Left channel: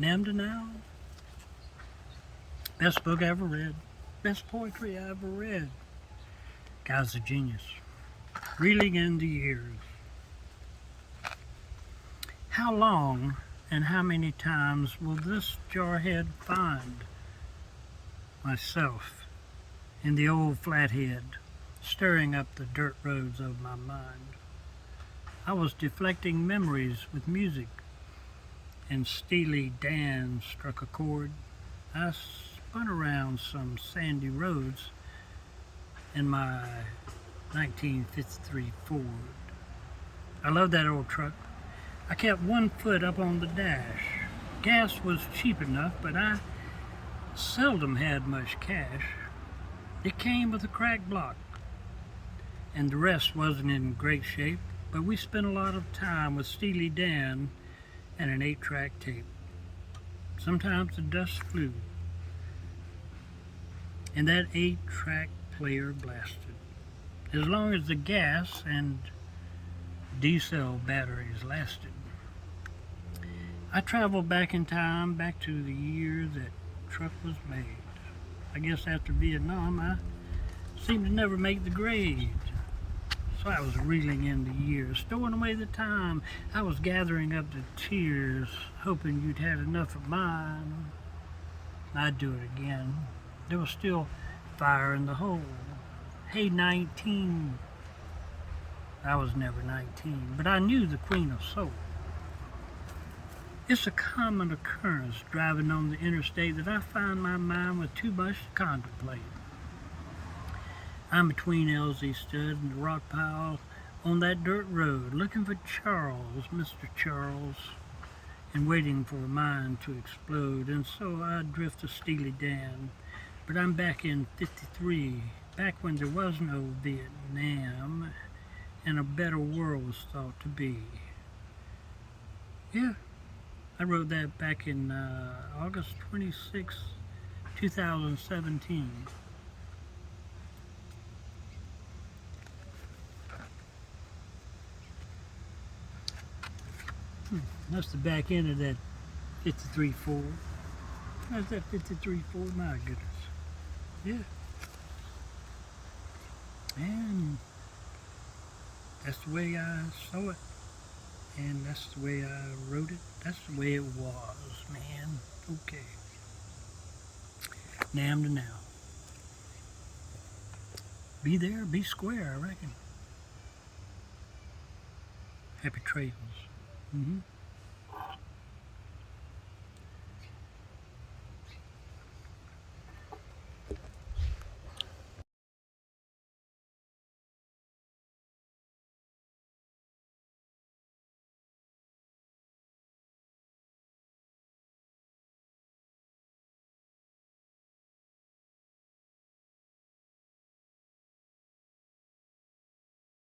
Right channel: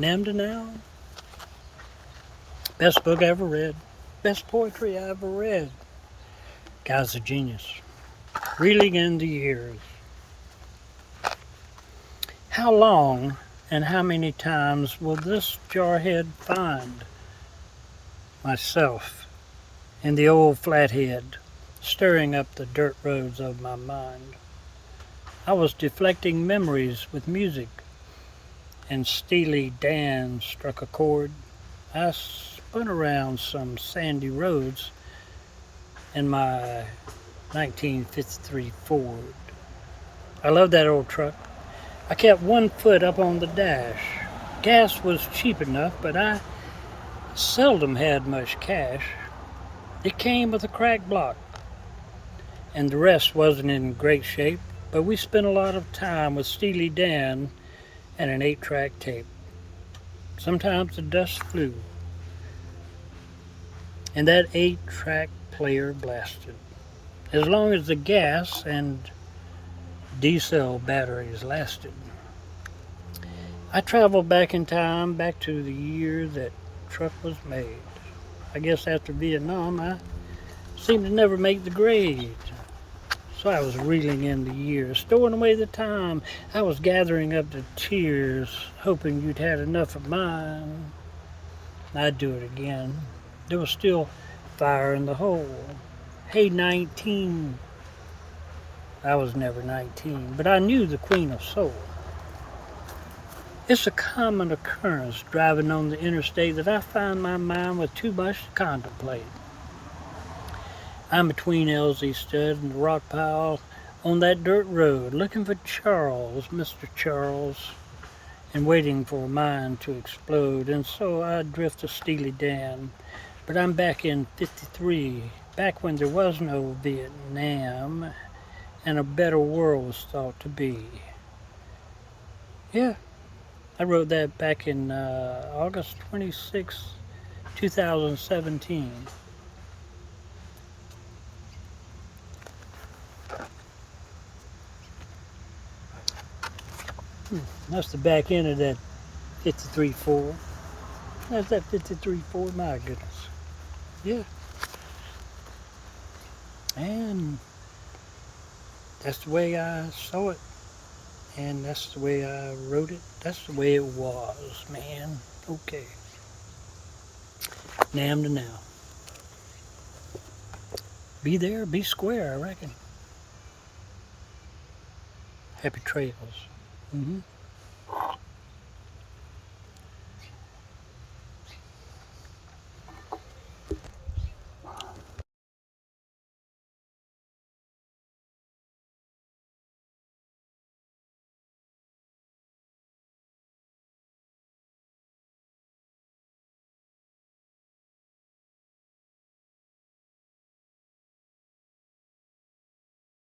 Named now. Best book I ever read. Best poetry I ever read. Guy's a genius. Reeling in the years. How long and how many times will this jarhead find myself in the old flathead, stirring up the dirt roads of my mind? I was deflecting memories with music, and Steely Dan struck a chord. I spun around some sandy roads in my 1953 Ford. I love that old truck. I kept one foot up on the dash. Gas was cheap enough, but I seldom had much cash. It came with a cracked block, and the rest wasn't in great shape, but we spent a lot of time with Steely Dan and an 8-track tape. Sometimes the dust flew, and that 8-track player blasted. As long as the gas and D-cell batteries lasted. I traveled back in time, back to the year that truck was made. I guess after Vietnam, I seemed to never make the grade. So I was reeling in the years, storing away the time. I was gathering up the tears, hoping you'd had enough of mine. I'd do it again. There was still fire in the hole. Hey, 19. I was never 19, but I knew the Queen of Soul. It's a common occurrence driving on the interstate that I find my mind with too much to contemplate. I'm between Elsie Stud and the rock pile on that dirt road, looking for Charles, Mr. Charles, and waiting for a mind to explode. And so I drift to Steely Dan. But I'm back in 53, back when there was no Vietnam, and a better world was thought to be. Yeah, I wrote that back in August 26, 2017. That's the back end of that 53.4. That's that 53.4, my goodness. Yeah. And that's the way I saw it. And that's the way I wrote it. That's the way it was, man. Okay. Nam to now. Be there, be square, I reckon. Happy trails. Mm-hmm.